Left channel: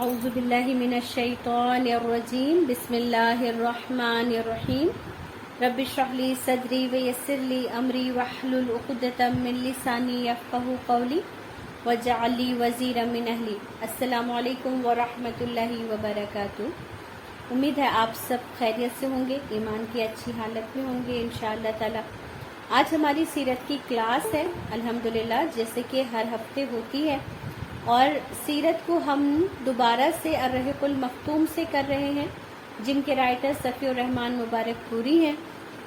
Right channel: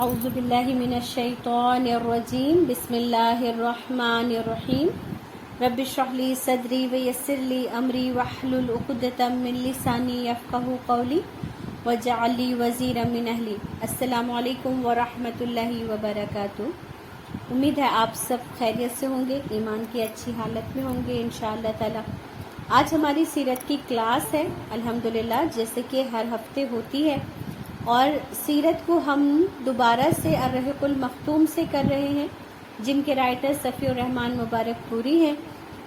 اعوذ باللہ من الشیطان الرجیم بسم اللہ الرحمن الرحیم رب اشرح لی صدری ویسر لی امری واحلل عقدۃ من لسانی یفقہوا قولی واجعل لی وزیرا من اہلی۔ السلام علیکم ورحمۃ اللہ وبرکاتہ۔ امید ہے آپ سب خیریت سے ہوں گے، ایمان کی اچھی حالت میں ہوں گے انشاءاللہ تعالی۔ آج ہماری سیرت کی کلاس ہے الحمدللہ، جیسے کہ ہر ہفتے ہوتی ہے، اور سیرت کو ہم دوبارہ سے الرحیق المختوم سے کر رہے ہیں، جن کے رائٹر صفی الرحمن مبارک پوری ہیں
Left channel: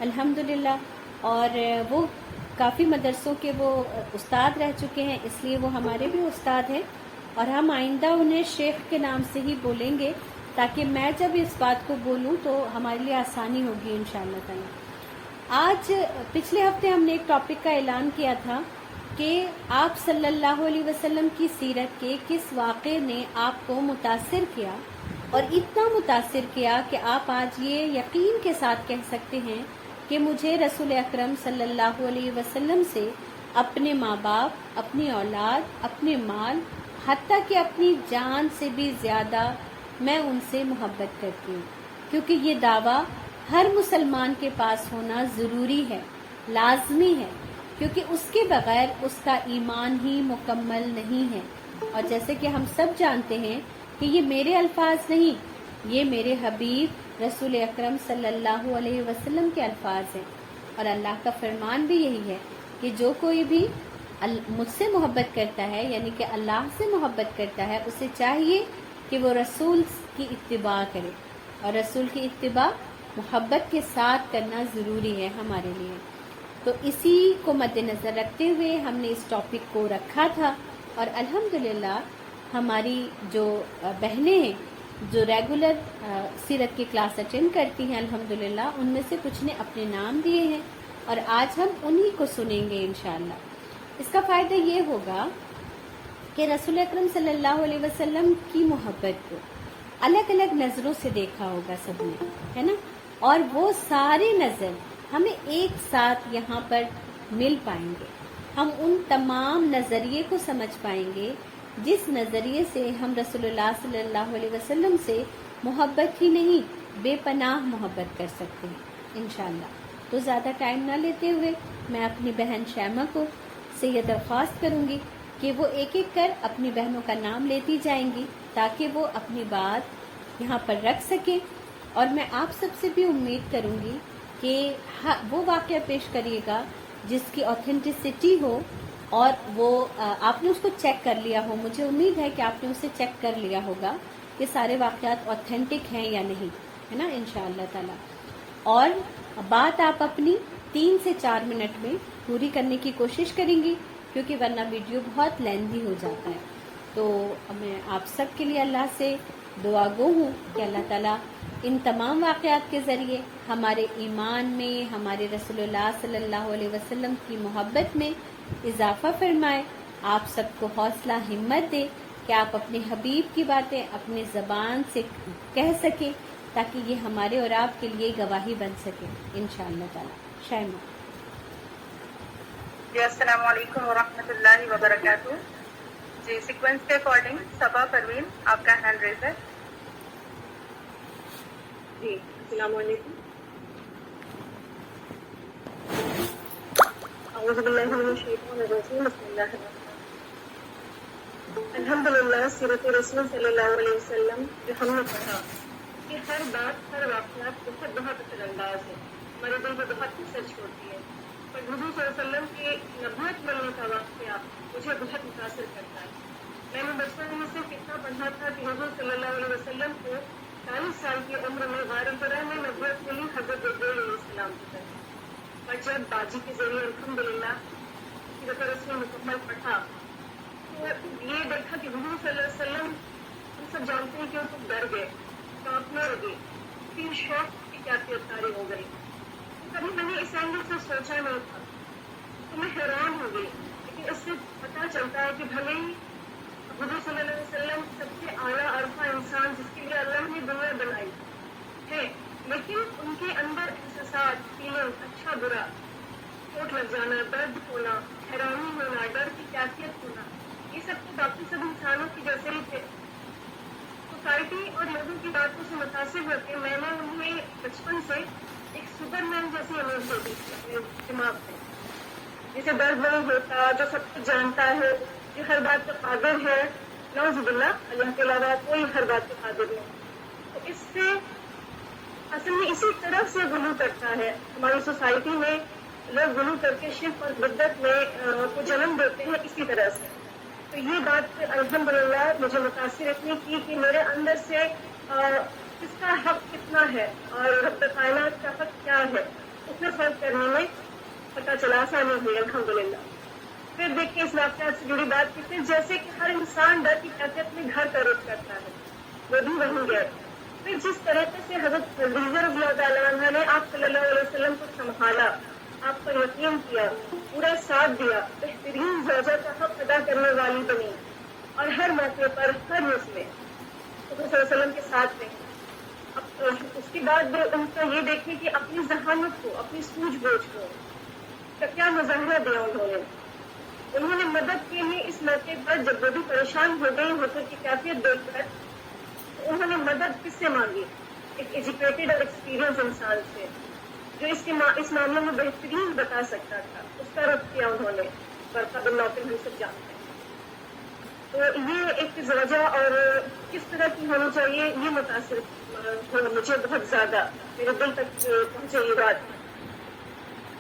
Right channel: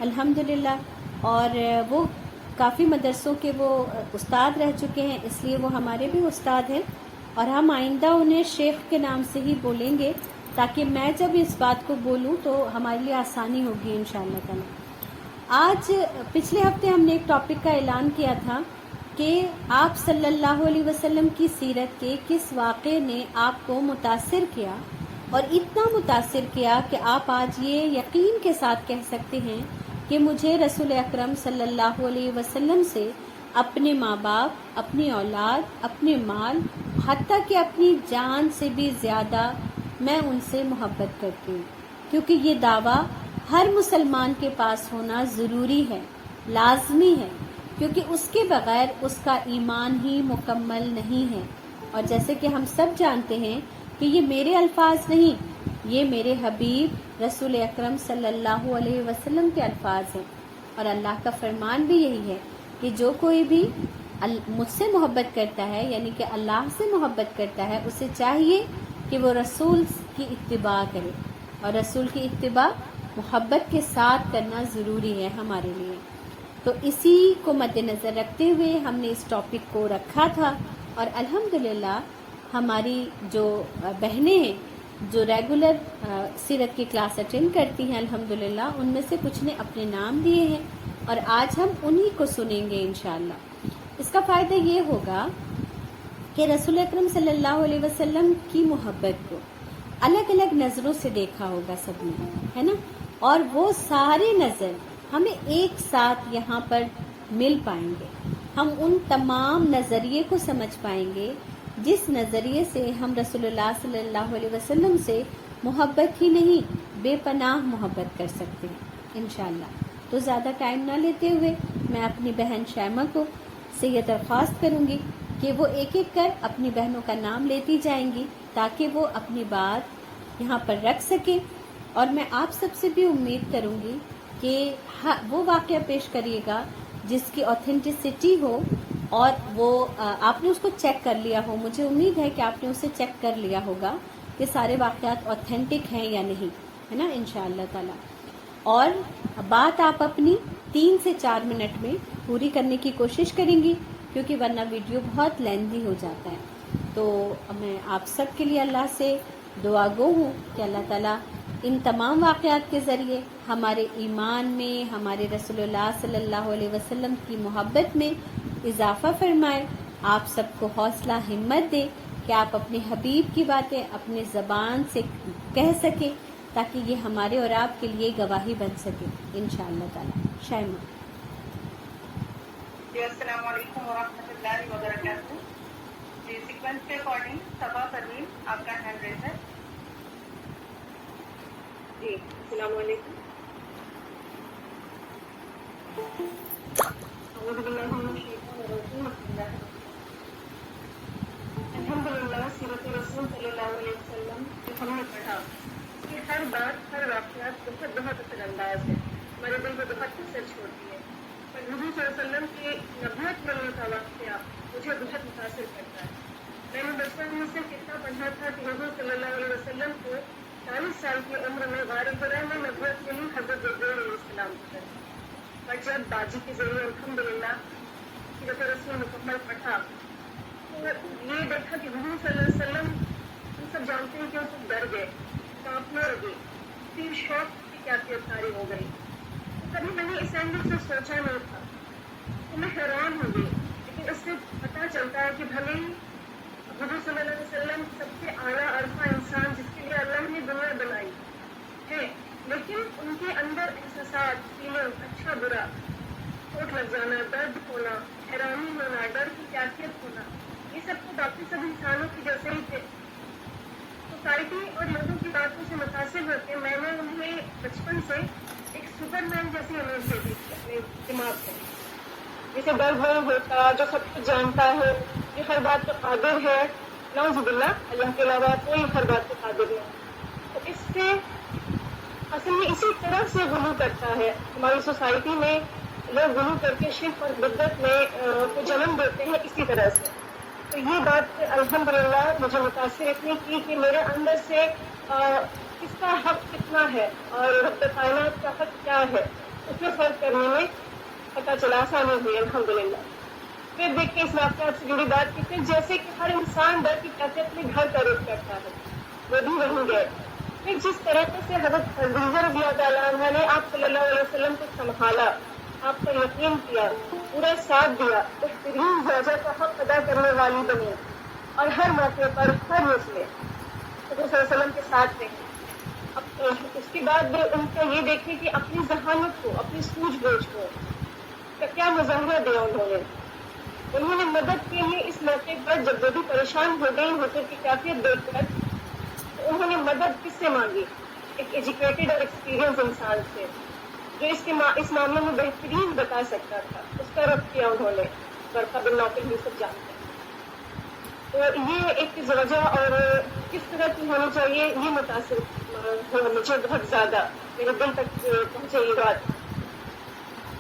الحمدللہ، اور وہ کافی مدرسوں کے وہ استاد رہ چکے ہیں، اس لیے وہ ہمارے بھی استاد ہیں، اور ہم آئندہ انہیں شیخ کے نام سے ہی بولیں گے، تاکہ میں جب اس بات کو بولوں تو ہمارے لیے آسانی ہوگی انشاءاللہ تعالی۔ آج پچھلے ہفتے ہم نے ایک ٹاپک کا اعلان کیا تھا کہ آپ صلی اللہ علیہ وسلم کی سیرت کے کس واقعے نے آپ کو متاثر کیا، اور اتنا متاثر کیا کہ آپ آج یہ یقین کے ساتھ کہہ سکتے ہیں کہ مجھے رسول اکرم صلی اللہ علیہ وسلم سے اپنے ماں باپ، اپنی اولاد، اپنے مال، حتیٰ کہ اپنی جان سے بھی زیادہ میں ان سے محبت کرتی ہوں، کیونکہ یہ دعویٰ ہر مسلمان کے پاس ہونا ضروری ہے، لازمی ہے، کیونکہ اس کے بغیر اس کا ایمان ہی مکمل نہیں ہے۔ اور جیسے کہ ہم سب جانتے ہیں کہ یہ میرے الفاظ نہیں، یہ میرے حبیب رسول اکرم صلی اللہ علیہ وسلم کے الفاظ ہیں، اور اللہ کا فرمان بھی یہی ہے کہ جو کوئی بھی مجھ سے محبت کرتا ہے، یعنی کہ اللہ سے محبت کرتا ہے، اسے چاہیے کہ وہ رسول کی اتباع کرے، اور رسول کی اتباع محبت کے ساتھ کرنا ضروری ہے ہمارے لیے۔ تو اسی کو مد نظر رکھتے ہوئے ہم نے اس ٹاپک کو رکھا تھا، اور الحمدللہ ہماری جو بہنیں ہیں جو ریگولر سیرت کی کلاس اٹینڈ کرتی ہیں الحمدللہ، ان میں سے کچھ نے اپنے نام دیے ہیں، اور آج ہم انہی کو سنیں گے انشاءاللہ۔ اس کا فائدہ یہ ہوگا کہ رسول اکرم صلی اللہ علیہ وسلم کی محبت کو الگ الگ نظروں سے دیکھا ہوگا سب نے، ہے نا، اور وہ ساری نظر ہمیں ایک ساتھ یہاں پر مل پائیں گے، ہم ان تمام نظریے کو سمجھ پائیں گے جس نظریے سے ہم رسول اللہ صلی اللہ علیہ وسلم سے محبت ہی نہیں بے پناہ محبت کر سکتے ہیں انشاءاللہ۔ تو زیادہ ٹائم نہ لیتے ہوئے میں اپنی بہن شیمہ کو سے یہ درخواست کروں گی کہ وہ ایک ایک کر اپنی بہنوں کا نام لیتی جائیں گی، تاکہ وہ اپنی بات یہاں پر رکھ سکیں، اور میں آپ سب سے بھی امید کروں گی کہ وہ واقعہ پیش کریے گا جس کی اوتھینٹسٹی ہو، اور وہ آپ نے اس کو چیک کر لیا ہو۔ مجھے امید ہے کہ آپ نے اسے چیک کر لیا ہوگا کہ سارے واقعات اوتھینٹک ہیں یا نہیں، ہے نا انشاءاللہ تعالی۔ اور بات آپ اپنی 3 سے 4 منٹ میں پوری کرنے کی کوشش کریں گی، کیونکہ ورنہ ویڈیو بہت لیندی ہو جاتا ہے۔ تو میں آپ سب کے لیے اللہ سے دعا گو ہوں کہ اللہ تعالیٰ ان تمام واقعات کے ذریعے ہمارے ایمان میں، ہمارے رسول اللہ صلی اللہ علیہ وسلم کی محبت میں اضافہ فرمائے، آپ سب کو حوصلہ ہمت دے کہ آپ اپنے حبیب کی باتیں اپنے زبان سے کہہ سکیں، تاکہ یہ ہمارے اور آپ کے لیے گواہی بن سکے انشاءاللہ تعالی۔ شائمہ جی السلام علیکم ورحمۃ اللہ وبرکاتہ۔ جی سیکوینس کے اکارڈنگ صبا پروین آپ کا ہینڈ ریز ہے۔ جی السلام علیکم۔ اعوذ باللہ من الشیطان الرجیم، بسم اللہ الرحمن الرحیم۔ الحمدللہ سیرت رسول صلی اللہ علیہ وسلم جو ہم نے پڑھا، کہ ہر بات، ہر واقعات بہت بہت اثر انداز ہے، ہمارے دل کو بہت اثر چھوڑتی ہے، پر حضور صلی اللہ علیہ وسلم کی نبوت ملنے کا واقعہ مجھے بہت متاثر کرتا ہے۔ میں نے بچپن میں صرف اتنا پڑھا تھا کہ حضور صلی اللہ علیہ وسلم کو 40 سال کی عمر میں غار حرا میں نبوت ملی حضرت جبرائیل علیہ السلام کی طرف، اور جب باجی کے ذریعے الحمدللہ سیرت رسول مکمل پڑھا تو یہ دیکھا کہ حضور صلی اللہ علیہ وسلم، ہم سب جانتے ہیں کہ وہ تو ڈر گئے، کانپنے لگے، پھر شوق کی کیفیت طاری ہو گئی۔ کبھی میں نے اس اینگل سے سوچا نہیں تھا، تو میں حیران ہو گئی، لیکن اس سے پتہ چلتا ہے کہ بھلے ہی حضور صلی اللہ علیہ وسلم سب سے اعلیٰ عرفہ انسان جس کے لیے اللہ نے دنیا بنائی ہے، لیکن ان کے اندر احساسات، فیلنگ، اچھا برا، چوٹ لگ جانا، درد ہونا، حیرانی ہونا، ڈر کی کیفیت ہونا، یہ سب تو باقی سب انسانوں کی جیسے ہی تھے، سوسائٹی اور لوگوں کی باتوں سے متاثر ہو کے میں نے انہیں بچپن سے ایک سپر مین جیسی امیج دے دی تھی اپنے دماغ کو، جسے درد نہیں ہوتا، جو سب کچھ جانتا ہے، جو ہر بات پہ قادر ہے. نعوذ باللہ، اللہ کے علاوہ کوئی ہر بات پہ قادر نہیں. تو اس سے اصل میں اسی طرح سے غلو کرتا ہے ہماری سوسائٹی میں. لوگ غلو کر کے شرک اور بدعت میں کو جنم دیتے ہیں اسی طرح سے. تو یہ بات الحمدللہ مجھے متاثر اتنی کی کہ میرے اندر سے کس کا حق کتنا ہے اور رب کائنات کا حق کیا ہے اس میں فرق کرنے میں پتہ چلا، آسانی ہوئی الحمدللہ. پھر دیکھیں اس واقعات سے جڑی بات کی، پھر جیسے کہ ہر انسان ڈر کی کیفیت میں گھر کا رخ کرتا ہے، وہ بھی وہیں گئے. پھر جس طریقے سے حضرت خدیجہ رضی اللہ تعالیٰ عنہ نے آپ صلی اللہ علیہ وسلم کو سنبھالا، آپ پر یقین کیا، پورا ساتھ دیا، بہترین زوجہ کا حق ادا کرنے والی بنی اور ہر موقع پر ہر رس میں حضرت صلی اللہ علیہ وسلم کے ساتھ رہی. اس کے بعد ان کا یہ دیکھیں کہ اپنی ذہانت کو، اپنی سوجھ بوجھ کو کا کیا مظاہرہ دیا انہوں نے مدد کے لیے اس موقع پر جب وہ بھی پریشان ہو گئی حضور کی کیفیت دیکھ کر، تو انہوں نے مدد کس سے مانگی؟ ایک ایجوکیٹڈ اور ایکسپیرئنس انسان سے جو اس معاملے میں بہترین بتا سکتا تھا. اس کا رخ کیا انہوں نے، ورقہ بن نوفل ہم سب جانتے ہیں. تو یہ ایک وجہ اور کس طرح کی ہونی چاہیے یہ متاثر ہوا مجھے بہت زیادہ، میرے دل تک پہنچے یہ بات.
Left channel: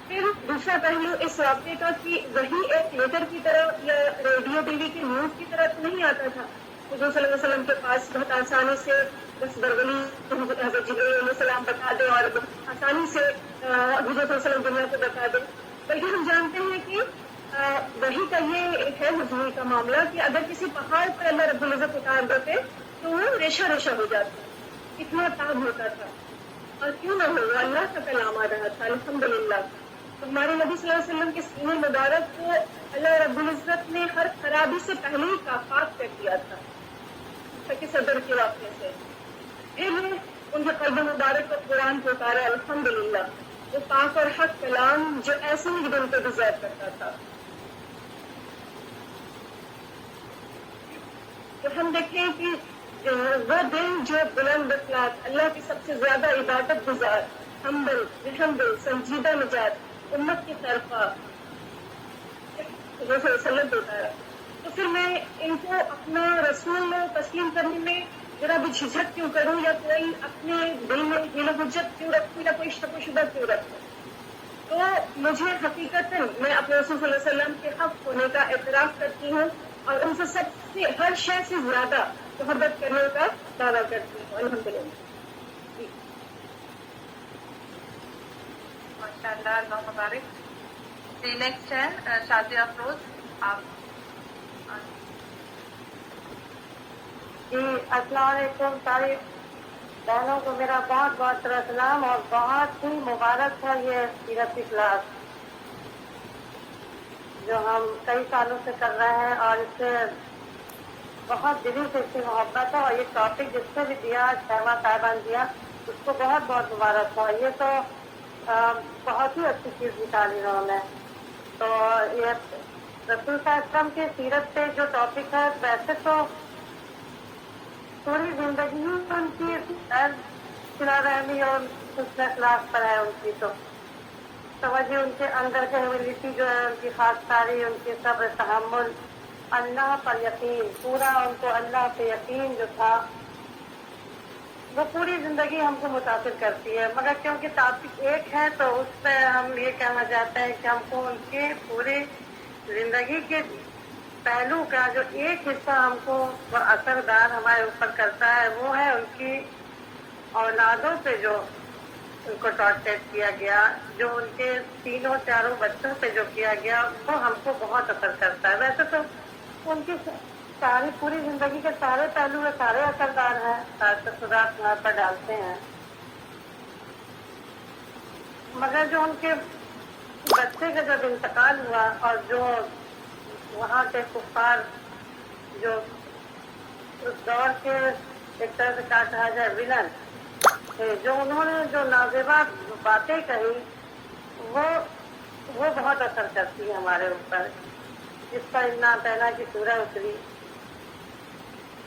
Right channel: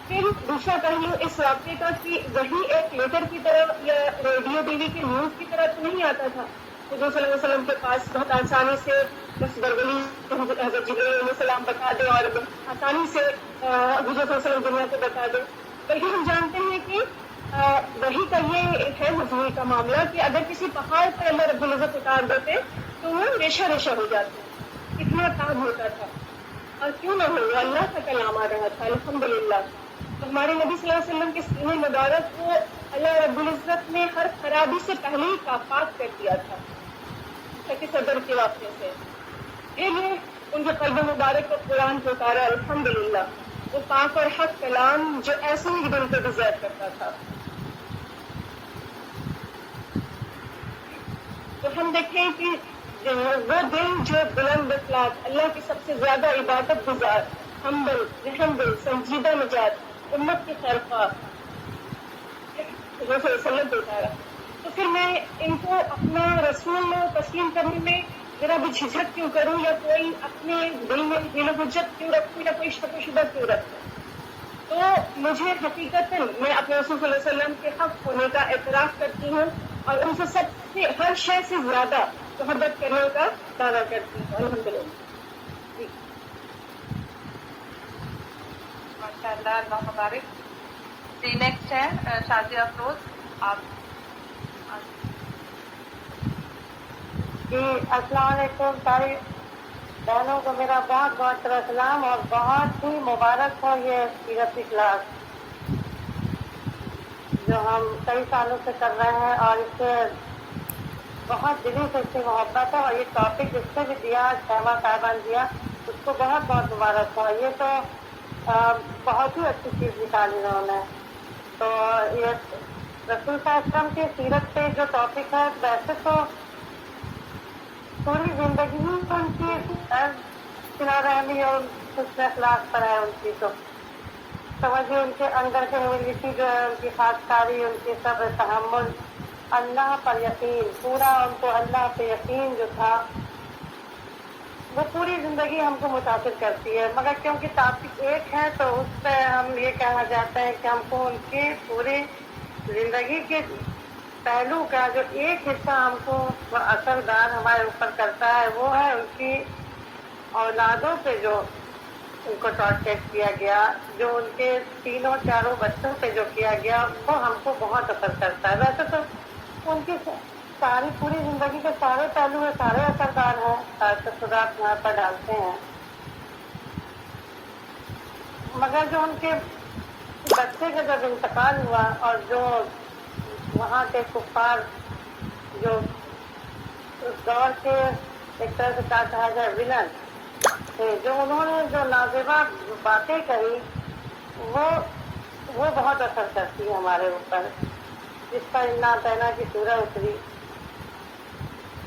پھر دوسرا پہلو اس واقعے کا کہ وہی ایک لیٹر کی طرح یا ریڈیو ٹی وی کی نیوز کی طرح تو نہیں آتا تھا. حضور صلی اللہ علیہ وسلم کے پاس بہت آسانی سے بس بربلی حضرت جبرائیل علیہ السلام بتا دے اور آسانی سے حضور صلی اللہ علیہ وسلم دنیا کو بتا دے. بلکہ ہم جانتے ہیں کہ وہی کا یہ ہے حضور کا معاملہ کہ اگر کسی پہاڑ پر اللہ رب العزت اتار دیتے تو وہ ریشہ ریشہ ہو جاتا، اتنا تاب ہوتا تھا. اور کیوں نہ ہو، اللہ کا کلام آ رہا تھا الحمدللہ. تو ہمارے نبی صلی اللہ علیہ وسلم کے سینے مبارک کو اللہ رب العزت نے ہر خرابی سے پہلے ہی پاک کر دیا تھا تاکہ صدر کے واقعے سے پھر ان کے قلب مبارک کو قرآن کو اتارا الحمدللہ، وہ پاک اور حق کلام جو ایسے ہی دل کو ڈیزائر کرتا تھا. تو ہم دیکھیں کہ وہ دل جو بلند اخلاق، اللہ کی سب سے زیادہ عبادت گزار، ہمبل، رحمدل، سنجیدہ مزاج، امت کی خیرخواہ حضور صلی اللہ علیہ وسلم کو اتارا. تو پھر میں ان کو اپنا رسول تسلیم کرنے میں ذرا بھی جھجھک کیوں کروں، یا کوئی اپنے دل میں حیل و حجت کیوں رکھوں، یا کوئی شک و شبہ کیوں رکھوں. تو مجھے حقیقتاً میں اپنے رسول صلی اللہ علیہ وسلم کے حق ہونے کا اعتراف کرتی ہوں اور ان سے سب سے ہر شے سے زیادہ محبت کرنے کا دعویٰ کرتی ہوں الحمدللہ. جی ماشاء اللہ، اللہ مبارک. جی نیکسٹ ہے شازیہ افروز. آپ جی السلام علیکم. ساری بہنوں کو میرا بہت بہت سلام اور بہت ہی مبارک ہو یہ سیرت کی کلاس جو ہم کئی سالوں سے کر رہے ہیں، اور اس سے بہت دلی سے اس سے محبت ہے. اور یہ ٹاپک جس سے بھی دیا شیما صاحبہ نے دیا اس کو بہت بہت مبارک ہو. یہ تو بہت ہی اچھی چیز نکالی انہوں نے. تو یہ رسول صلی اللہ علیہ وسلم کی سیرت پہ جو ٹاپک ہے، ویسے تو پوری زندگی ہی ان کی صلہ رحمی اور حسن اخلاق پر ہے. ان کی تو توجہ، ان کے اندر کے ہیوملٹی جو ہے، ان کی خاص کاری، ان کی صبر، تحمل، اللہ پر یقین، پورا ان کو اللہ پہ یقین جو تھا وہ پوری زندگی ہم کو متاثر کرتی ہے. مگر کیونکہ ٹاپک ایک ہے تو اس پہ ہم یہ کہنا چاہتے ہیں کہ ہم کو ان کے پورے زندگی کے پہلو کا جو ایک حصہ ہم کو اثردار ہمارے اوپر کرتا ہے وہ ہے ان کی اولادوں پہ جو ان کو ٹارچر کیا گیا، جو ان کے تینوں چاروں بچوں پہ جو کیا گیا وہ ہم کو بہت اثر کرتا ہے. ویسے تو ان کی ساری پوری زندگی کے سارے پہلو ہیں، سارے اثردار ہیں، سارے تاثرات یہاں پر ڈالتے ہیں. مگر جو ان کے بچے کا جب انتقال ہوا اور جو وہاں کے کفار جو اس دور کے ایک طرح سے کیا کہا جائے ولن تھے، جو انہوں نے جو نازیبا باتیں کہی وہ بہت اثر کرتی ہے ہمارے اوپر، جس پر انا پہنا کی سورہ اتری.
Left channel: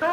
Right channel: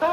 2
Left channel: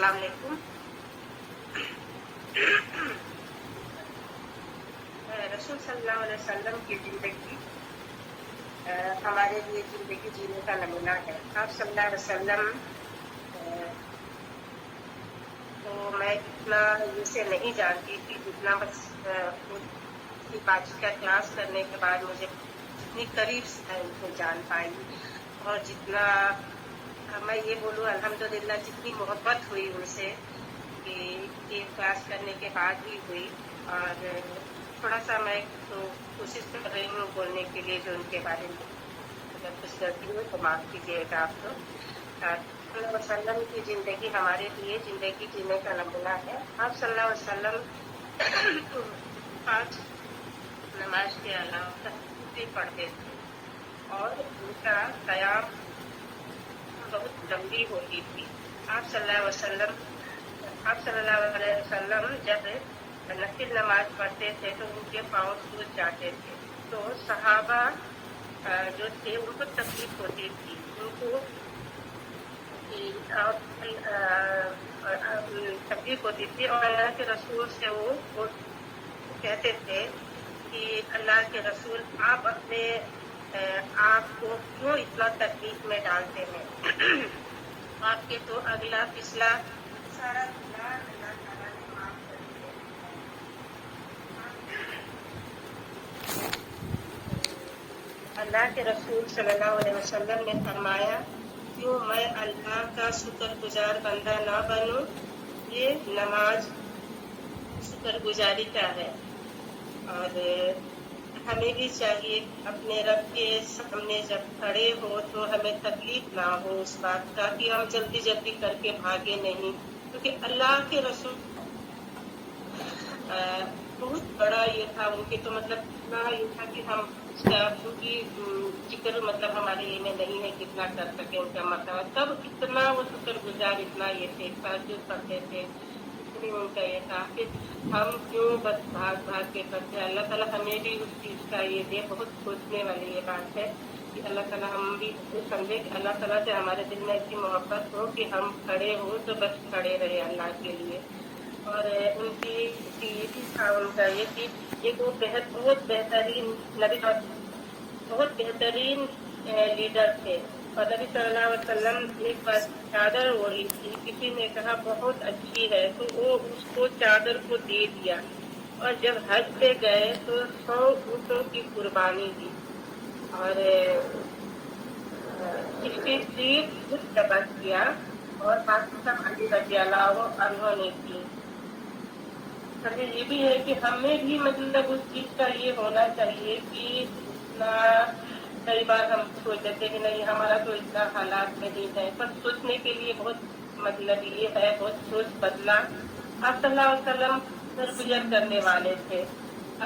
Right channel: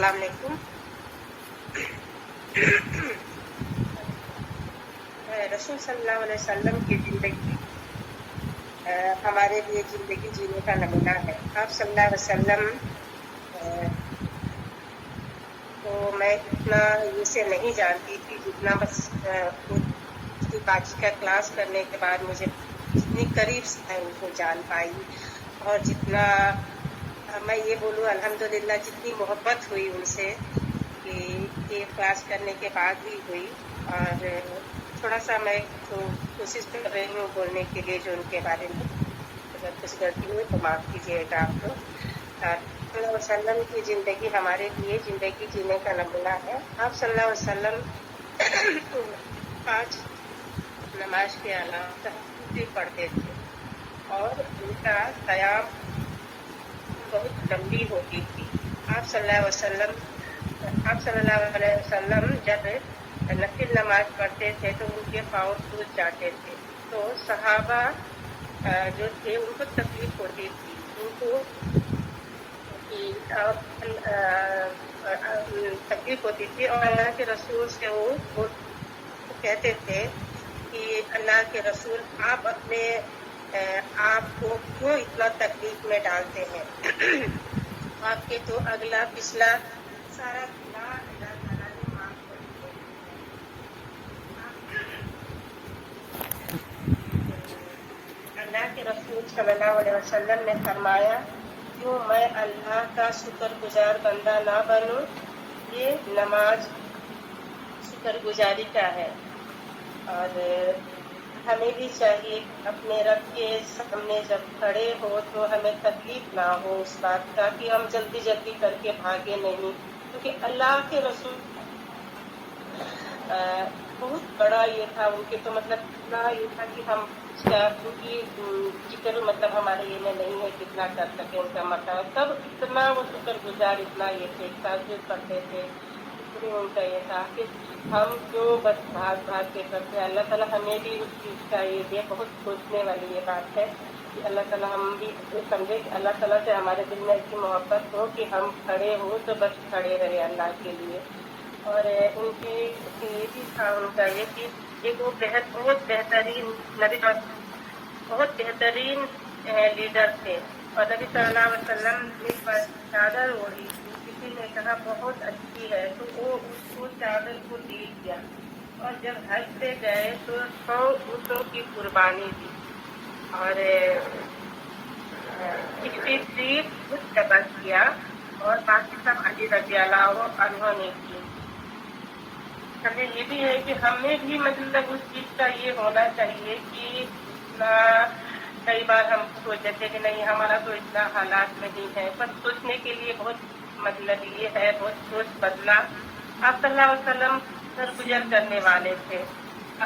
السلام علیکم. رسول صلی اللہ علیہ وسلم کی زندگی ہمارے لیے زندگی جینے کا نمونہ ہے. آپ صلی اللہ علیہ وسلم تو میں اتنا اسے نہیں جانتی تھی جتنا بس اس کی باجی کا کلاس کرنے کے بعد مجھے جتنی قریب سے میں ان کو جان پائی, اور جتنا میں یہ بولوں الحمدللہ جتنی محبت ہوئی ان سے کہ یہ کلاس کرنے کے بعد ہی ہوئی. اور تھوڑا سا میں تو کوشش کر رہی ہوں بولنے کے لیے جو ان کے بارے میں, اگر کچھ غلطی ہوئی تو معاف کیجیے گا آپ کو. صلی اللہ علیہ وسلم کی زندگی ہمارے لیے زندگی جینے کا نمونہ ہے. آپ صلی اللہ علیہ وسلم آج نماز کے علاوہ تہجد پڑھتے تھے, اور ان کا قیام بہت لمبی ہوتی تھی. آپ صلی اللہ علیہ وسلم جب نفل نماز پڑھتے تھے تو ان کے پاؤں سوج جاتے تھے, تو صحابہ جو تھے ان کو تکلیف ہوتی تھی, ان کو تکلیف ہوتی تھی. اور اللہ کے رسول سے وہ کہتے تھے کہ اللہ کے رسول آپ اپنے آپ کو کیوں اتنا تکلیف میں ڈالتے ہیں, آپ کے تو اگلا پچھلا سارا گناہ اللہ تعالیٰ نے معاف کر دیا. اللہ کے رسول صلی اللہ علیہ وسلم نے فرمایا, کیوں میں اللہ کا شکر گزار بندہ نہ بنوں. یہ نماز شکر گزاری کا ہے, اور ہمیں بھی چاہیے اپنے رب کے سامنے جب کھڑے ہو تو ہمیں تکلیف نہ ہو اس بات کا کہ ہم جلدی جلدی کر کے بھاگے نہیں, کیونکہ اللہ کے رسول بہت بڑا یہ تھا ان کے, تو مطلب اتنا یہ تھا کہ ہم اس کا کیونکہ ذکر مطلب ہمارے یہ میں نہیں ہے کتنا کر سکے ان کا مطلب, تب اتنا وہ شکر گزار اتنا یہ تھے, تہجد پڑھتے تھے, اتنی ان کا یہ تھا کہ ہم کیوں بس بھاگ بھاگ کے کرتے ہیں. اللہ تعالیٰ ہمیں بھی اس چیز کا یہ دے. بہت سوچنے والی یہ بات ہے کہ اللہ تعالیٰ ہم بھی سمجھے کہ اللہ تعالیٰ سے ہمارے دل میں ایسی محبت ہو کہ ہم کھڑے ہو تو بس کھڑے رہے اللہ کے لیے. اور ان کی یہ بھی تھا ان کا یہ کہ ایک وہ بہت بہترین نبی, بہت بہترین لیڈر تھے. اور نبی صلی اللہ علیہ وسلم نے چادر اوڑھی تھی, کسی نے کہا بہت اچھی ہے تو وہ اس کو چادر کو دے دیا, اور جب حج پہ گئے تو 100 اونٹوں کی قربانی دی, اور 63 خود قبض کیا, اور باقی سب علی رضی اللہ عنہ نے کی. ہمیں یہ بھی ہے کہ ہمیں بھی مطلب اس چیز کا یہ ہونا چاہیے کہ اتنا کئی بار ہم سوچ دیتے کہ نہیں ہمارا تو اتنا حالات نہیں ہے, پر سوچنے کے لیے بہت مطلب یہ ہے, بہت سوچ بدلا. آپ صلی اللہ علیہ وسلم درگزر کرنے والے تھے,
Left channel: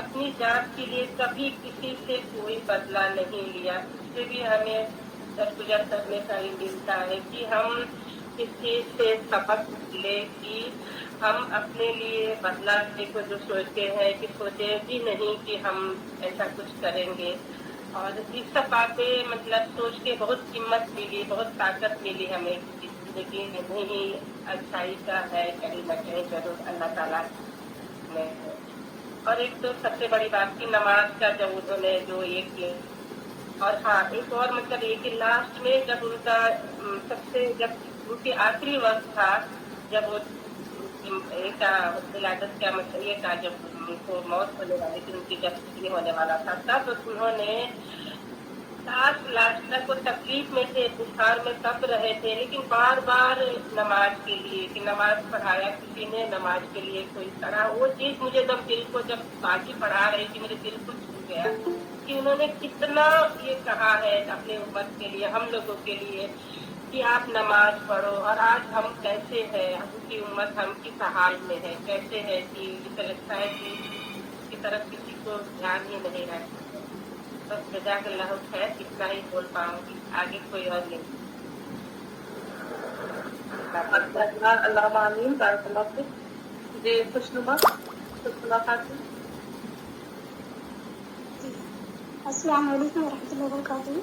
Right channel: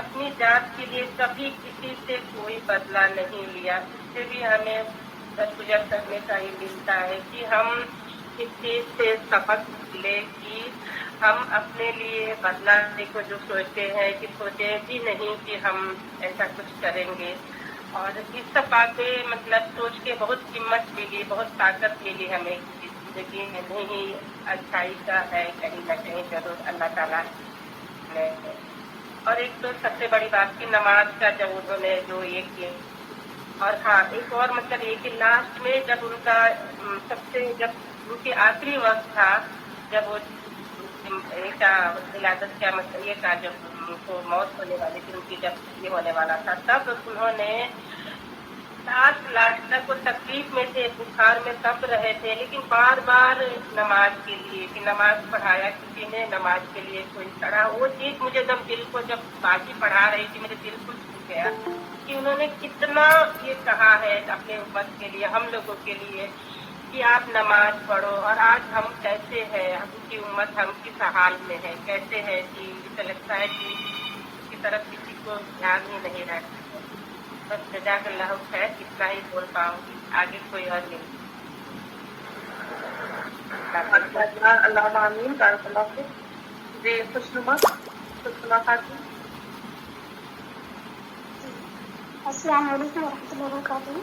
اپنی ذات کے لیے کبھی کسی سے کوئی بدلہ نہیں لیا. اس سے بھی ہمیں درگزر کرنے کا یہ ملتا ہے کہ ہم اس چیز سے سبق لے کہ ہم اپنے لیے بدلہ لینے کو جو سوچتے ہیں کہ سوچے بھی نہیں کہ ہم ایسا کچھ کریں گے. اور اس سب باتیں مطلب سوچ کے بہت ہمت ملی, بہت طاقت ملی ہمیں کہ زندگی میں نہیں اچھائی کا ہے کہیں نہ کہیں ضرور اللہ تعالیٰ نے. اور ایک تو سب سے بڑی بات کی نماز کا جب انہوں نے جو یہ کیا, اور ہاں ایک اور مطلب یہ کہ لاسٹ میں جب ان کا سب سے جب ان کے آخری وقت تھا, جب وہ ولادت کا مطلب یہ تھا جب ان کو موت ہونے والی تھی, ان کی جب یہ ہونے والا تھا, تب انہوں نے لاسٹ تک وہ تکلیف میں تھے, بخار میں تب رہے تھے, لیکن بار بار نماز کے لیے کہ نماز پڑھایا کسی نے, نماز کے لیے کوئی پڑھا. وہ چیز مجھے دل کو جب باجی پڑھا رہی تھی میرے دل کو چھو گیا کہ انہوں نے کتنا یہ کہا ہے اپنے امت کے لیے, ہم لوگوں کے لیے کہ آپ نماز پڑھو. اور آج ہم کیسے ہیں, ہم کی امت ہم کس حال میں ہے, کیسے ہے کہ لگتا ہے کہ اس کی طرف کسی کو دھیان ہی نہیں رکھتے. بس جزاک اللہ خیر, اتنا ہی بول پاؤں گی, آگے کوئی اور نہیں. اللہ آمین, بارک اللہ فیک. جی خوشنما خاتون. السلام علیکم ورحمۃ اللہ وبرکاتہ.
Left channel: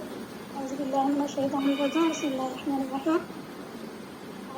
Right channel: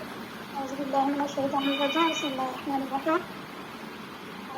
اعوذ باللہ من الشیطان الرجیم. بسم اللہ الرحمن الرحیم.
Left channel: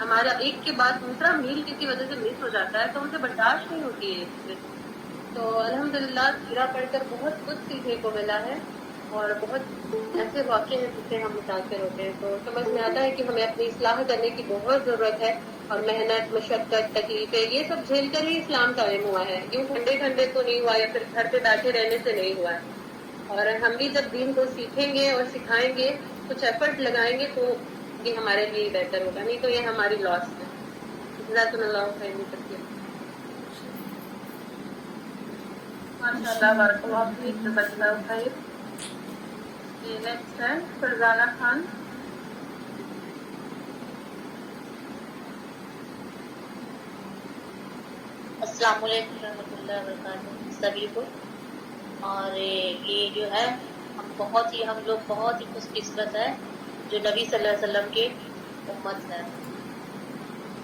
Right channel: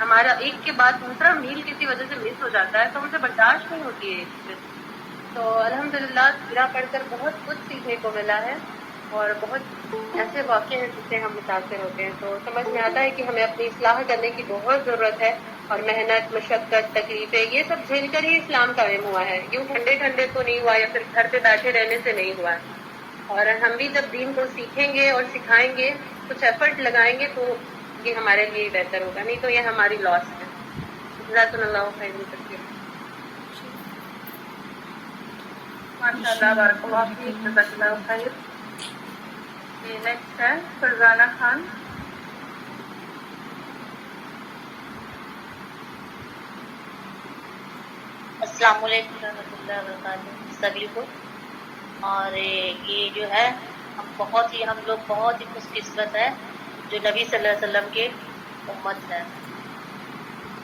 ہمارا ایک کے بعد دوسرا میل کسی وجہ سے مس ہو جاتا ہے تو مجھے برداشت نہیں ہوتی ہے. تو الحمدللہ سیرہ پڑھ کر بہت کچھ سیکھنے کو ملا ہے اور بہت ایسے واقعے ہیں جس سے ہم متاثر ہوتے ہیں. تو سمجھ میں آتا ہے کہ ہمیں اپنی اصلاح کرنے کی بہت ضرورت ہے اور محنت، مشقت، تکلیفیں یہ سب جھیل کر ہی اسلام قائم ہوا ہے. یوں ٹھنڈے ٹھنڈے تو نہیں ہوا یا پھر گھر پہ بیٹھے رہنے سے نہیں ہوا ہے. اور ہم بھی جب دین کو سیکھیں گے اور سکھائیں گے، کچھ ایفرٹ لگائیں گے تو یہ ہمارے لیے بہتر ہوگا، نہیں تو یہ ہماری لاس ہے. جزاک اللہ خیر کثیر. ماشاء اللہ، بارک اللہ فیک، جزاک اللہ خیر. جی نیکسٹ ہے فرزانہ خان. السلام علیکم ورحمۃ اللہ وبرکاتہ سبھی کو. اور یہ جو ہے ہم لوگ بہت ہی خوش قسمت ہے جو نبی صلی اللہ علیہ وسلم کے امت ہے.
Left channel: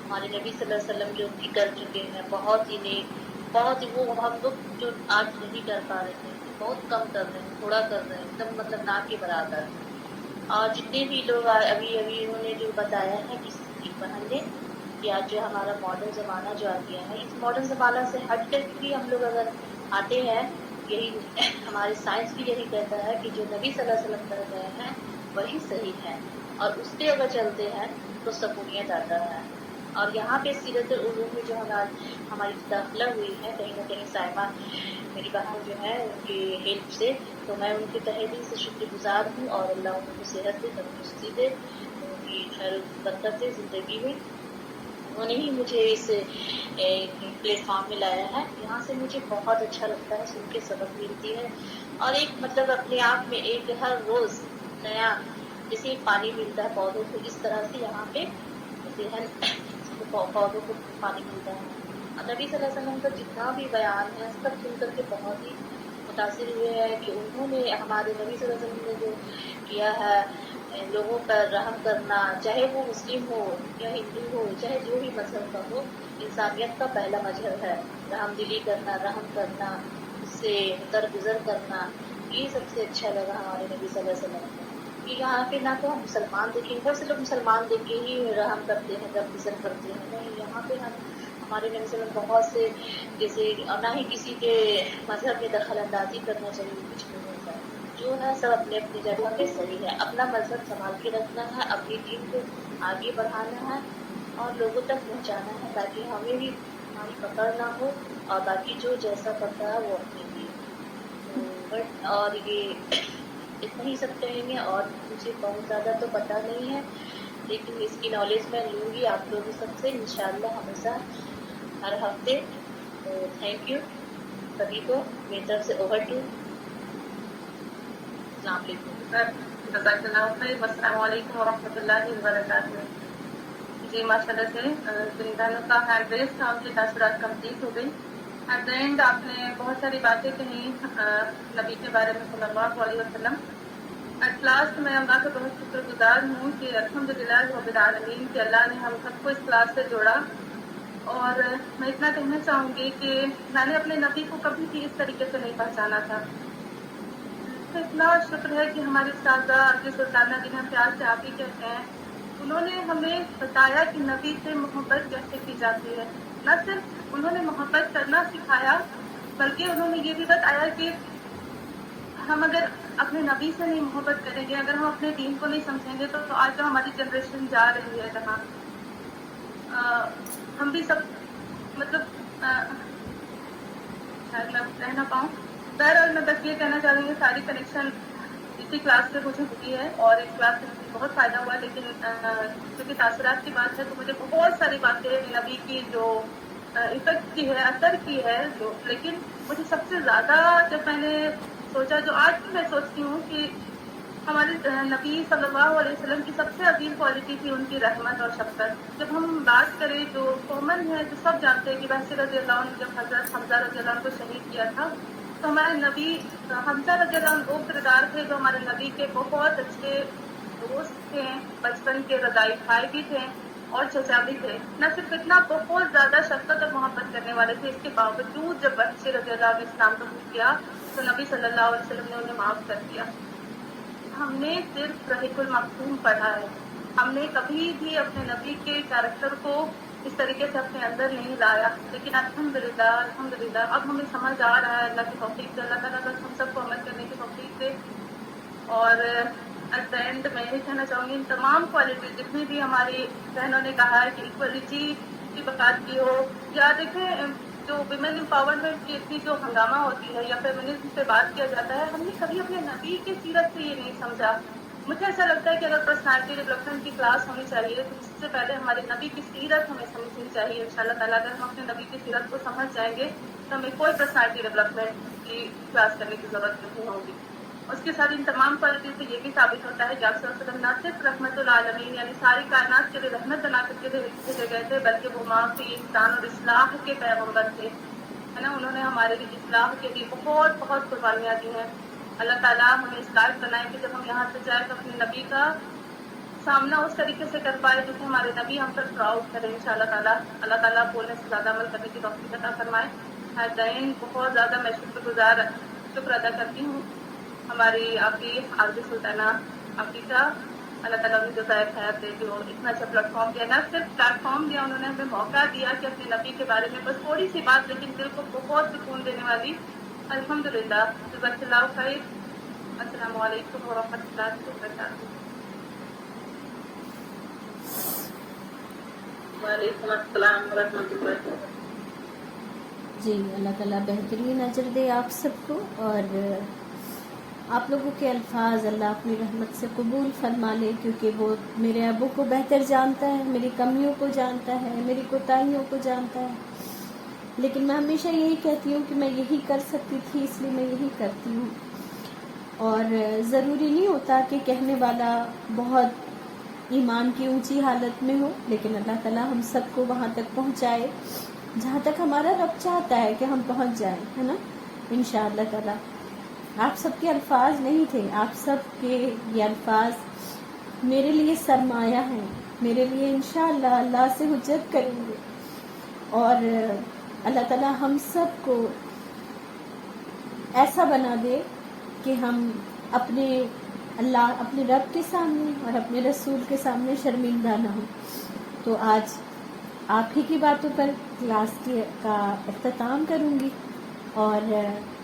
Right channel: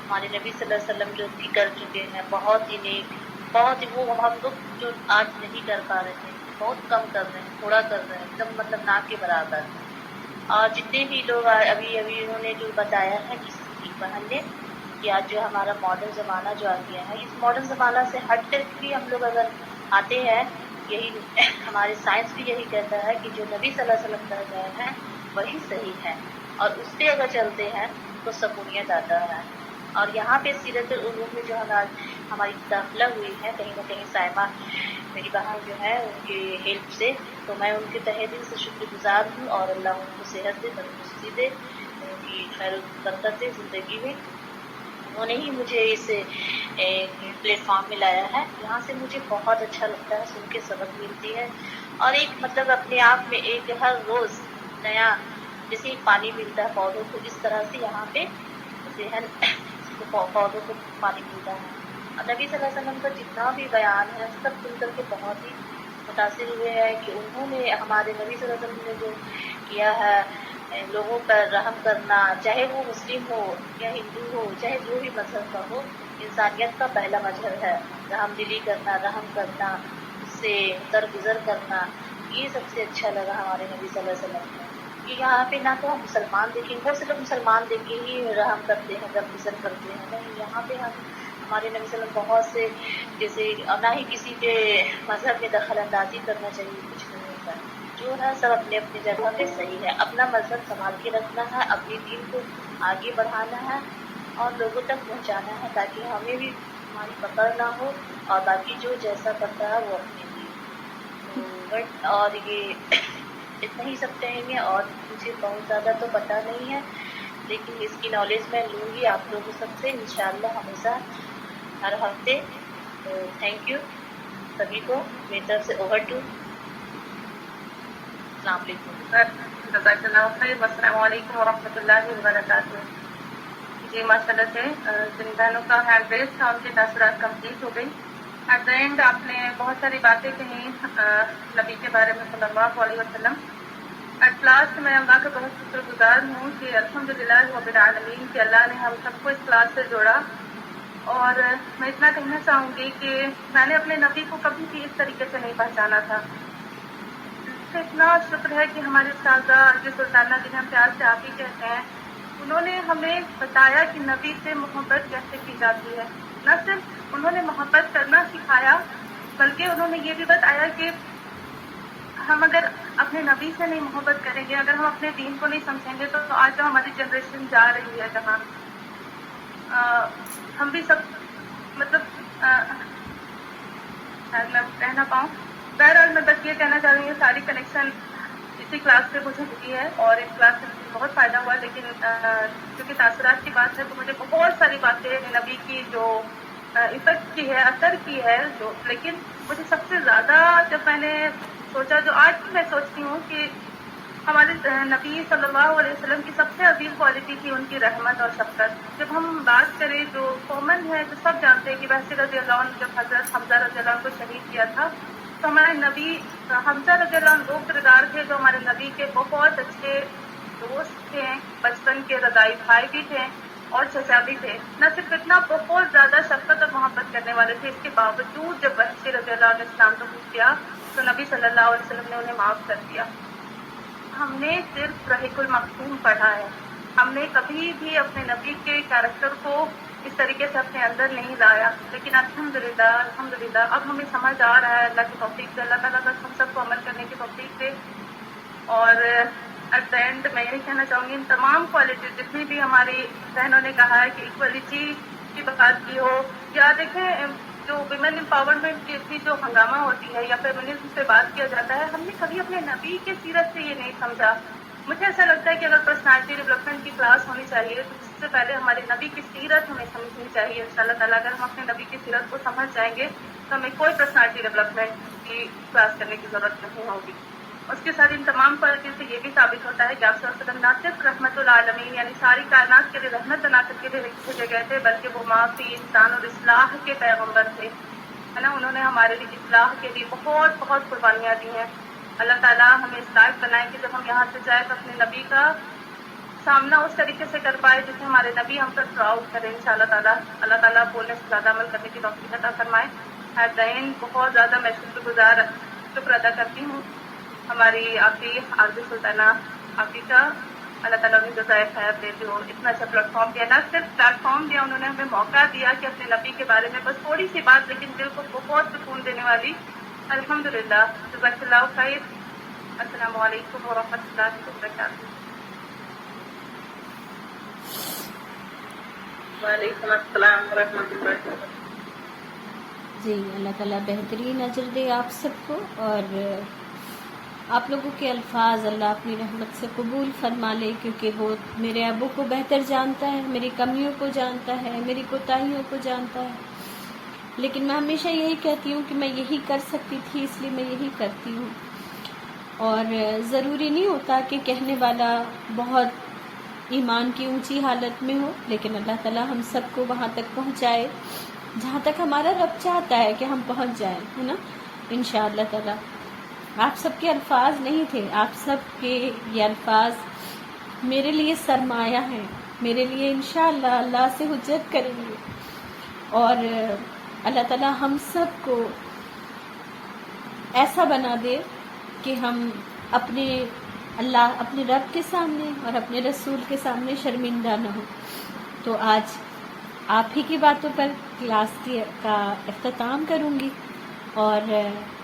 ہمارے نبی صلی اللہ علیہ وسلم جو بھی کر چکے ہیں بہت ہی نیک، بہت ہی وہ ہم لوگ جو آج نہیں کر پا رہے ہیں بہت کم کر رہے ہیں، تھوڑا کر رہے ہیں، ایک دم مطلب نہ کے برابر. اور جتنے بھی لوگ ابھی انہوں نے جو بتایا ہے کسی بہن نے کہ آج جو ہمارا ماڈرن زمانہ جو آ گیا ہے، اس ماڈرن زمانہ سے ہٹ کر بھی ہم لوگ اگر آتے ہیں، یہی ہمارے سائنس بھی یہی کہتا ہے کہ جو نبی صلی اللہ علیہ وسلم کر گئے ہیں وہی صحیح ہے اور اس پہ اگر چلتے ہیں تو سکونیت آتا ہے. اور یہاں پہ سیرت العلوم میں جو ہماری داخلہ ہوئی ہے کہیں نہ کہیں سائمہ میری بہن جو ہے ان کی ہیلپ سے، تو میں ان کے تہہ دل سے شکر گزار ہوں اور اللہ ان کو صحت دے، تندرستی دے، ان کی خیر برکت دے زندگی میں. انہوں نے ہی مجھے اس پلیٹ فارم میں لایا ہے. یہاں سے مجھے بہت اچھا لگتا ہے، سن کے سبق ملتی ہے اور ایک مطلب اپنے آپ میں ایک ہر روز نیا جیسے پانی ملتا ہے پودوں کو، اس طرح سے یہاں پہ پودوں کو پانی ملتا ہے. اور نبی صلی اللہ علیہ وسلم کا جتنا بھی بیان ہے سب سن کر کے بہت ہی متاثر ہوئے ہیں کہ انہوں نے ہمارے نبی صلی اللہ علیہ وسلم نے جو کیا ہے لوگوں پر رحم کرنا، چاہے وہ مسلم ہو یا ہندو ہو، چاہے جو بھی مذہب کا ہو، انسانیت کا پہلا مظہر ہے رحم دلی کرنا، رحم کرنا، اس سے درگزر کرنا. یہ سب سے اچھا لگا ہمارے نبی صلی اللہ علیہ وسلم کو کہ یہاں پہ نہ تو ہم مسلمان دیکھیں، بہت سے لوگ مسلمان دیکھ کے ہی رحم کرتے ہیں، درگزر کرتے ہیں، نہیں یہاں پہ ہمارے نبی صلی اللہ علیہ وسلم بہت سے جیسے نہ ہی کسی پہ مذہب میں دخل اندازی کرنا چاہیے، کچھ نہیں ہوتا ہے. جو ہے سب اپنے اپنی جگہ پہ صحیح ہے. اپنا مذہب سنبھال کے رکھنا ہے، اپنی دین کو آگے بڑھانا ہے اور لوگوں تک پہنچانا ہے تاکہ ہمیں بھی ہماری پکڑ نہ ہو اور باقی جو جیسا کرتا ہے وہ اپنے لیے. تو بٹ اور یہ اتنا ہی سب کہیں گے اور مجھے بہت زیادہ تو پتہ نہیں ہے، لیکن اس کی نالج میں لوں گی آپ لوگوں سب سے انشاءاللہ ہمیشہ ہر ہفتے. تو تھینک یو سبھی کو میری طرف سے اوور ٹو. السلام علیکم. جزاک اللہ خیر. السلام علیکم ورحمۃ اللہ وبرکاتہ. جی ماشاء اللہ سے جن بہنوں کا ہینڈ ریز تھا ان کے تاثرات کمپلیٹ ہو گئی. ایٹ دا اینڈ آپ نے بہت ساری باتیں کہیں نبی کے بارے میں صلی اللہ علیہ وسلم. ایٹ لاسٹ میں اللہ کا بہت شکر گزار ہوں کہ الحمدللہ رب العالمین کہ اللہ نے ہم سب کو اس کلاس سے جوڑا. اور میں اتنا کہنا چاہوں گی کہ میں نے اپنے نبی کو کبھی بھی اس طریقے سے نہیں پہچانا تھا. اس کا اتنا شکر ہے کہ ہماری استاذہ جو سلطانہ جنہیں ہم پیار سے آپ ہی کہتے ہیں، انہوں نے ہمیں بتایا کہ نبی سے محبت کیسے کی جاتی ہے. نہ صرف انہوں نے محبت کرنا سکھایا بلکہ انہوں نے یہ بھی بتایا کہ ہم اگر اپنے نبی سے نہیں محبت کریں گے، اگر ہم اپنے دین کو نہیں سمجھیں گے تو آج جو ہماری جنریشن جا رہی ہے جہاں ہم بھی سب مطلب شاید میں کہہ نہ پاؤں. بہرحال میں بس یہ کہنا چاہ رہی ہوں ساری کنیکشن اسی کلاس سے مجھے ملی ہے اور اس کلاس سے مجھے بہت فائدہ ہوا. لیکن کیونکہ تاثرات کی بات ہے تو مجھے بہت ساری باتیں نبی کی جو افیکٹ کی ہے، اثر کی ہے جو، لیکن مجھے سب سے زیادہ جب میں نے سوچا، جو آج میں سوچتی ہوں کہ ہمارے نبی صلی اللہ علیہ وسلم کی سب سے عظیم کوالٹی تھی ان کی رحمت اور شفقت. جب ہم بات کریں جو کامن ہے، جو سب جانتے ہیں کہ وحشی رضی اللہ عنہ جب حضرت حمزہ رضی اللہ عنہ کو شہید کیا تھا تو ہمارے نبی حمزہ رضی اللہ عنہ وہ کردار تھے جو ہمارے نبی کے بہت اچھے دوست تھے، بچپن کے رضائی بھائی بھی تھے اور چچا بھی تھے. نہ صرف اتنا، بہت زیادہ شفقت اور محبت کرنے والے تھے. اس کے باوجود جب وحشی رضی اللہ عنہ نے اسلام قبول کیا تو نبی صلی اللہ علیہ وسلم نے انہیں معاف کر دیا. ہم نے صرف رحیق المختوم پڑھا ہے ہم نے کبھی بھی اپنے نبی کے کیریکٹر کو اس طریقے سے اپنے اندر نہیں لایا، لیکن الحمدللہ اب ہمیں سمجھ آ رہا ہے، اللہ کی توفیق سے، اللہ تعالیٰ بس ہم سب کو عمل کرنے کی توفیق دے. اور ایٹ دا اینڈ میں یہی کہنا چاہوں گی، ان تمام کوالٹیز جتنی بھی ہماری بہنوں نے کہا ہے کہ ایکولیٹی کی بات کی ہو، یا دیکھیں جو ویمن امپاورمنٹ کی اتنی جو ہنگامہ ہوتی ہے یا فیمنزم سے بات کیا جاتا ہے، ہم نے کبھی اپنے نبی کے سیرت سے یہ نہیں سمجھا. مجھے ایسا لگتا ہے کہ اگر پرسنالٹی ڈیولپمنٹ کی کلاس ہونی چاہیے تو سب سے پہلے ہمارے نبی کی سیرت ہمیں سمجھنی چاہیے. ان شاء اللہ تعالیٰ اگر ہم اپنے نبی کی سیرت کو سمجھ جائیں گے تو ہمیں کوئی پرسنالٹی ڈیولپمنٹ کی کلاس کرنے کی ضرورت نہیں ہوگی. اس کے ساتھ ان تمام کوالٹیز سے یہ بھی ثابت ہوتا ہے کہ آپ صلی اللہ علیہ وسلم نہ صرف رحمت العالمین یعنی ساری کائنات کے لیے رحمت بنا کر کے بھیجے گئے تھے، بلکہ وہ معافی، انسان اور اصلاح کے پیغمبر تھے، ہے نا. انہوں نے ہمارے لیے اصلاح کے لیے بہت بہت قربانیاں دی ہیں. اللہ تعالیٰ ہمیں اس لائق بنائے کہ جب ہم یہاں سے جائیں تو اپنے نبی کا سامنا اس طریقے سے کر پائے جسے ہمارے نبی ہم پر پراؤڈ کریں. ان شاء اللہ تعالیٰ اللہ تعالیٰ بولنے سے زیادہ عمل کرنے کی توفیق عطا فرمائے. ایٹ دا اینڈ بہت زیادہ میں شکر ادا کرتی ہوں ہماری آپی عارض سلطانہ آپی کا. اللہ تعالیٰ انہیں جزائے خیر دے جو اتنا اچھا پلیٹ فارم دیا، نہ صرف پلیٹ فارم دیا، انہوں نے ہمیں موقع دیا کہ اپنے نبی کے بارے میں بس تھوڑی سی بات لیکن دل کو بہت سکون دینے والی. الحمدللہ، جزاک اللہ خیر. السلام علیکم ورحمۃ اللہ وبرکاتہ. وعلیکم السلام ورحمۃ اللہ وبرکاتہ. جی اللہ تعالیٰ بہترین اجر دے آپ سب کو، اور آپ لوگوں کے الفاظ اللہ اپنی رحمت سے قبول فرما لے، کیونکہ وہ میرے ابو کو بہتر جانتا ہے، میری کمیوں کو جانتا ہے، میری کوتاہیوں کو جانتا ہے. لیکن میں ہمیشہ یہی کہتی ہوں کہ میں یہی کر سکتی تھی اس لیے میں یہی کرتی ہوں، اور ضروری نہیں ہوتا کہ کہنے والا بہت ایمان کی اونچی حالت میں ہو، لیکن اللہ تعالیٰ ہم سب کو وہاں تک پہنچائے جہاں تک ہمارا رب چاہتا ہے کہ ہم پہنچ جائیں، ہے نا، انشاءاللہ تعالیٰ. آپ سب کے الفاظ نہیں تھے، آپ سب کے یہ الفاظ میرے لیے سرمایہ ہیں، میرے لیے انشاءاللہ اللہ سے حجت کریں گے. اور اللہ تعالیٰ ہم سب کو ایسا بنا دے کہ ہم اپنے رب کے سامنے اور اپنے رسول کے سامنے شرمندہ نہ ہوں. تو آج آپ ہی کی باتوں پر کلاس کا اختتام کروں گی، اور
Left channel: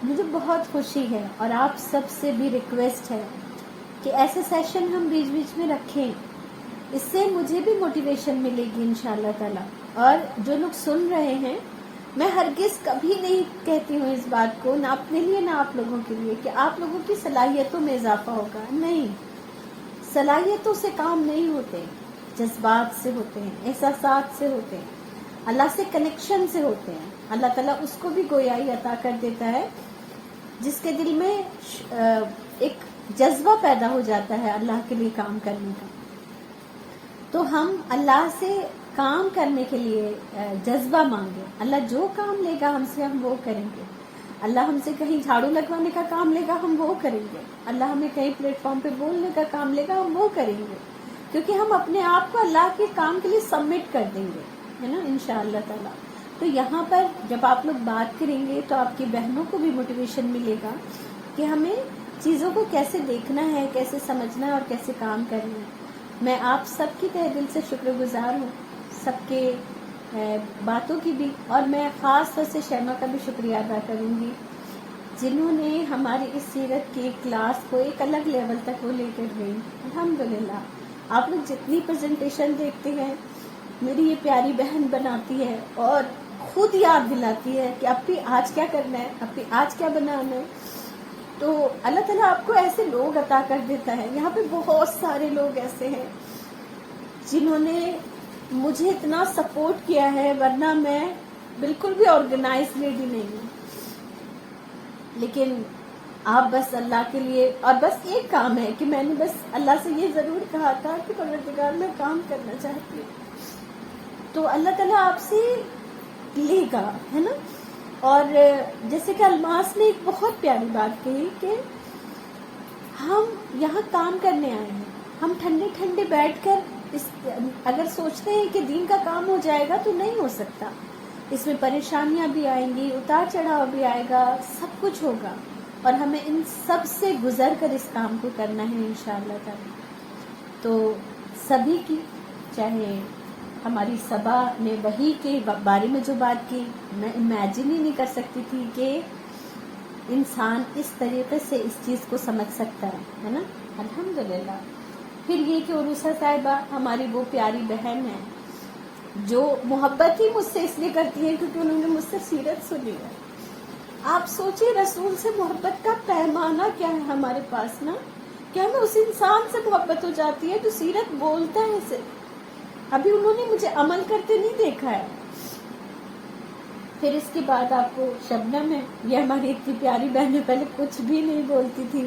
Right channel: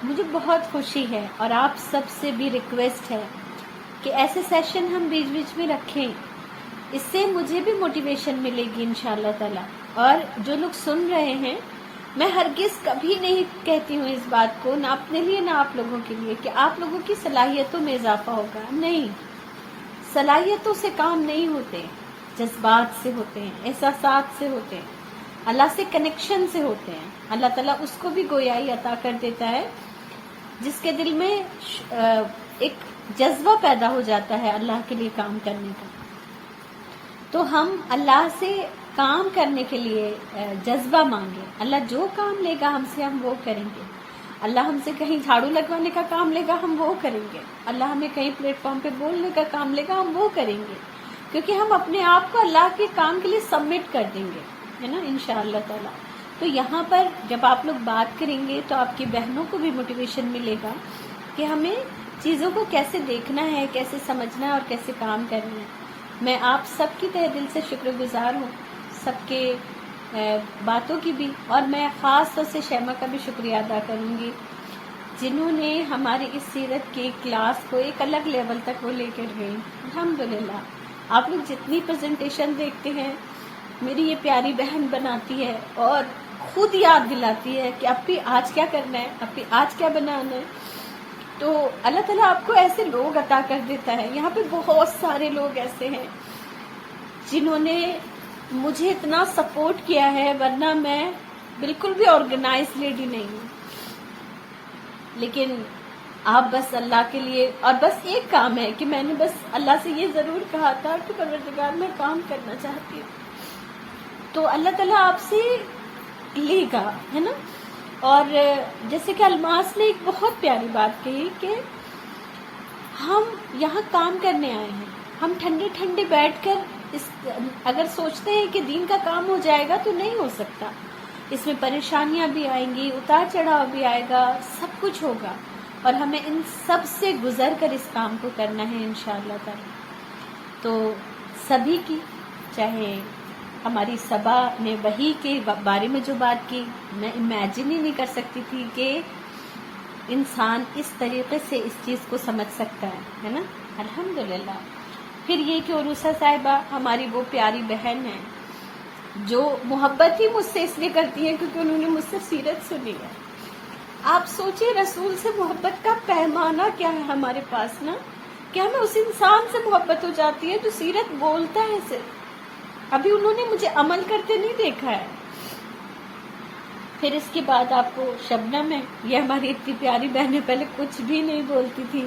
مجھے بہت خوشی ہے، اور آپ سب سے بھی ریکویسٹ ہے کہ ایسے سیشن ہم بیچ بیچ میں رکھیں. اس سے مجھے بھی موٹیویشن ملے گی انشاءاللہ تعالیٰ. اور جو لوگ سن رہے ہیں، میں ہرگز کبھی نہیں کہتی ہوں اس بات کو، نہ اپنے لیے نہ آپ لوگوں کے لیے، کہ آپ لوگوں کی صلاحیتوں میں اضافہ ہوگا. نہیں، صلاحیتوں سے کام نہیں ہوتے، جذبات سے ہوتے ہیں، احساسات سے ہوتے ہیں، اللہ سے کنیکشن سے ہوتے ہیں. اللہ تعالیٰ اس کو بھی گویائی عطا کر دیتا ہے جس کے دل میں ایک جذبہ پیدا ہو جاتا ہے اللہ کے لیے کام کرنے کا. تو ہم اللہ سے کام کرنے کے لیے جذبہ مانگے. اللہ جو کام لے گا ہم سے ہم وہ کریں گے. اللہ ہم سے کہیں جھاڑو لگوانے کا کام لے گا ہم وہ کریں گے. اللہ ہمیں کہیں پلیٹ فارم پہ بولنے کا کام لے گا ہم وہ کریں گے، کیونکہ ہم اپنے آپ کو اللہ کے کام کے لیے سبمٹ کر دیں گے، ہے نا، انشاءاللہ تعالیٰ. تو یہاں پر جب آپ لوگ بات کریں گے تو آپ کی بہنوں کو بھی موٹیویشن ملے گا کہ ہمیں چیزوں کو کیسے دیکھنا ہے، کیسے سمجھنا ہے اور کیسے کام کرنا ہے. میں آپ سب کی تہہ دل سے شکر گزار ہوں، سب کے باتوں کی بھی، اور میں خاص طور سے شیما کا بھی شکریہ ادا کروں گی جنہوں نے ہماری اس سیرت کی کلاس کو ایک الگ لیول تک وہ لے کر گئی. الحمدللہ آپ لوگ جتنی پریزنٹیشن دیکھتے ہیں میری یہ پیاری بہن بناتی ہے اور خود یاد دلاتی ہے کہ اب بھی آج کیا کرنا ہے، اب بھی آج کیا بنانا ہے. تو اللہ تعالیٰ آپ کو ایسے لوگ عطا کر دیتا ہے. یہاں پہ بہت سارے لوگ ایسے ہیں جنہوں نے مجھے اتنا سپورٹ کیا ہے، ورنہ میں بالکل بھی آرگنائز لیڈی نہیں ہوں. لیکن آپ بس اللہ کے لیے، اور بس ایک کام ہے کہ میں نے بس اللہ سے یہ ضرور کہا تھا کہ پروردگار میں کام کرنا چاہتی ہوں، تو اللہ تعالیٰ آپ سے لے گا، ہے نا. اور جیسے کہ الماس نے ایک بہت پیاری بات کہی کہ ہم یہاں کام کرنے آئے ہیں، ہم ٹھنڈے ٹھنڈے بیٹھ کر اگر سوچتے ہیں کہ دین کا کام ہو جائے گا تو نہیں ہو سکتا. اس میں پریشانیاں بھی آئیں گی، اتار چڑھاؤ بھی آئے گا، سب کچھ ہوگا، اور ہمیں ان سب سے گزر کر اس کام کو کرنا ہے انشاءاللہ تعالی. تو سبھی کی، چاہے ہماری صبا نے وحی کے بارے میں جو بات کی، میں امیجن ہی نہیں کر سکتی تھی کہ انسان اس طریقے سے اس چیز کو سمجھ سکتا ہے نا. الحمدللہ. پھر یہ کہ عروسہ صاحبہ ہماری وہ پیاری بہن ہے جو محبت ہی مجھ سے اس لیے کرتی ہیں کیونکہ انہوں نے مجھ سے سیرت سنی ہے. آپ سوچیں رسول سے محبت کا پیمانہ کیا ہے ہمارے پاس نا، کہ ہمیں اس انسان سے محبت ہو جاتی ہے جو سیرت بولتا ہے صرف. ابھی انہوں نے مجھے عمل کرتے نہیں دیکھا ہے. پھر اس کے بعد آپ کو شبنم ہے، یہ ہماری اتنی پیاری بہنیں پہلے کچھ بھی نہیں بولتی تھی،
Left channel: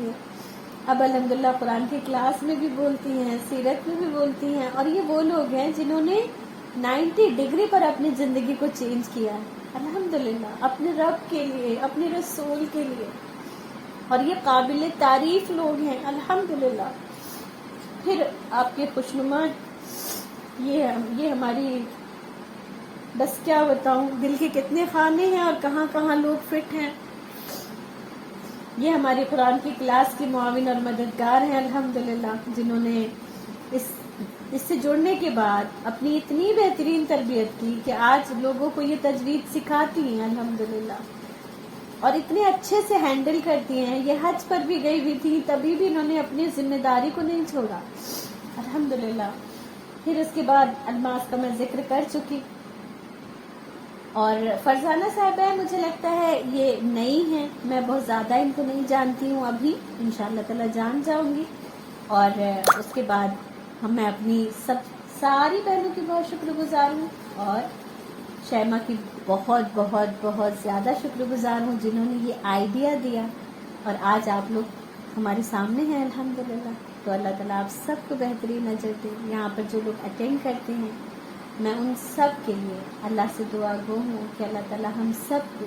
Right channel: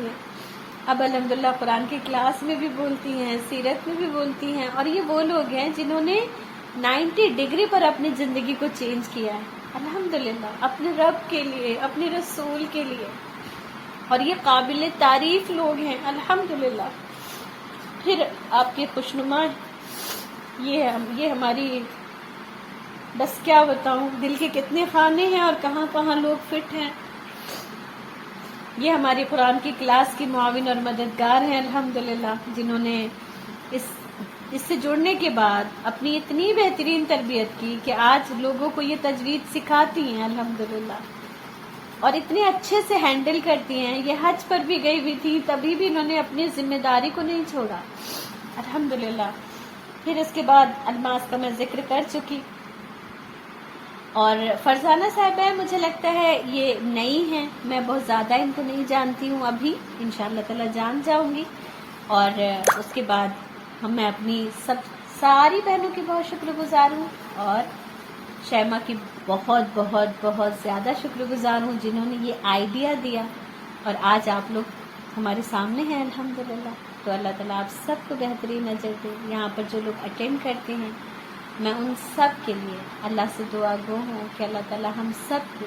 اب الحمدللہ قرآن کی کلاس میں بھی بولتی ہیں، سیرت میں بھی بولتی ہیں، اور یہ وہ لوگ ہیں جنہوں نے 90 ڈگری پر اپنی زندگی کو چینج کیا ہے الحمدللہ، اپنے رب کے لیے، اپنے رسول کے لیے، اور یہ قابل تعریف لوگ ہیں الحمدللہ. پھر آپ کے خوشنما یہ ہماری، بس کیا بتاؤں دل کے کتنے خانے ہیں اور کہاں کہاں لوگ فٹ ہیں. یہ ہماری قرآن کی کلاس کی معاون اور مددگار ہیں الحمدللہ، جنہوں نے اس سے جڑنے کے بعد اپنی اتنی بہترین تربیت کی کہ آج لوگوں کو یہ تجوید سکھاتی ہیں الحمدللہ، اور اتنے اچھے سے ہینڈل کرتی ہیں. یہ حج پر بھی گئی ہوئی تھی، تبھی بھی انہوں نے اپنی ذمہ داری کو نہیں چھوڑا الحمدللہ. پھر اس کے بعد الماس کا میں ذکر کر چکی، اور فرزانہ صاحبہ مجھے لگتا ہے یہ نئی ہیں، میں بہت زیادہ ان کو نہیں جانتی ہوں، ابھی انشاءاللہ تعالی جان جاؤں گی. اور اس کے بعد میں اپنی ساری بہنوں کی بہت شکر گزار ہوں، اور شیما کی بہت بہت بہت زیادہ شکر گزار ہوں جنہوں نے یہ آئیڈیا دیا، اور آج آپ لوگ ہمارے سامنے ہیں الحمدللہ. تو اللہ تعالیٰ آپ سب کو بہترین اجر دے. یہاں پر جو لوگ اٹینڈ کرتے ہیں میں ان سب کے لیے اللہ سے دعا گو ہوں کہ اللہ تعالیٰ ہم سب کو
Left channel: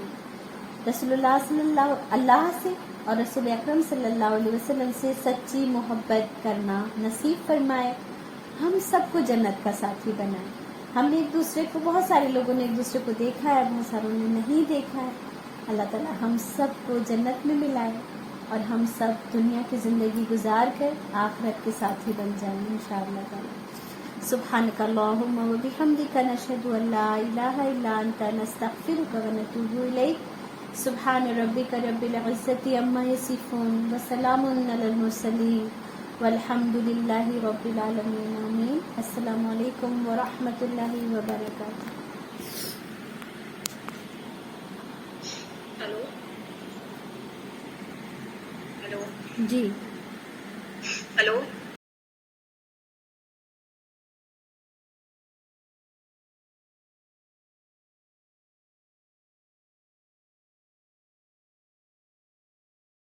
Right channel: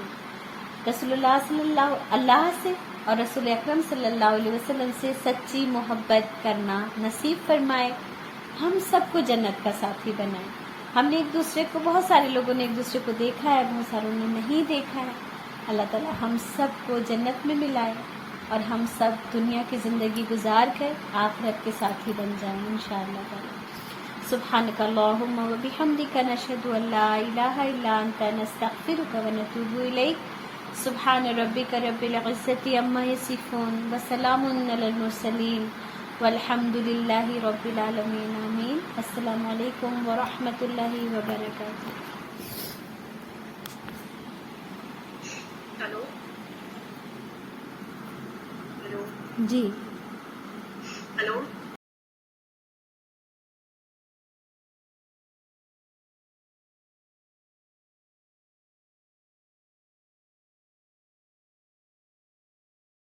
رسول اللہ سے اور رسول اکرم صلی اللہ علیہ وسلم سے سچی محبت کرنا نصیب فرمائے، ہم سب کو جنت کا ساتھی بنائے. ہم نے ایک دوسرے کو، بہت سارے لوگوں نے ایک دوسرے کو دیکھا ہے، بہت ساروں نے نہیں دیکھا ہے. اللہ تعالیٰ ہم سب کو جنت میں ملائے، اور ہم سب دنیا کی زندگی گزار کر آخرت کے ساتھی بن جائیں انشاءاللہ تعالیٰ. سبحانک اللہم و بحمدک نشہد ان لا الہ الا انت نستغفرک و نتوب الیک. سبحان ربک رب العزت عما یصفون وسلام علی المرسلین والحمد للہ رب العالمین. آمین. السلام علیکم ورحمۃ اللہ وبرکاتہ. ہلو جی ہلو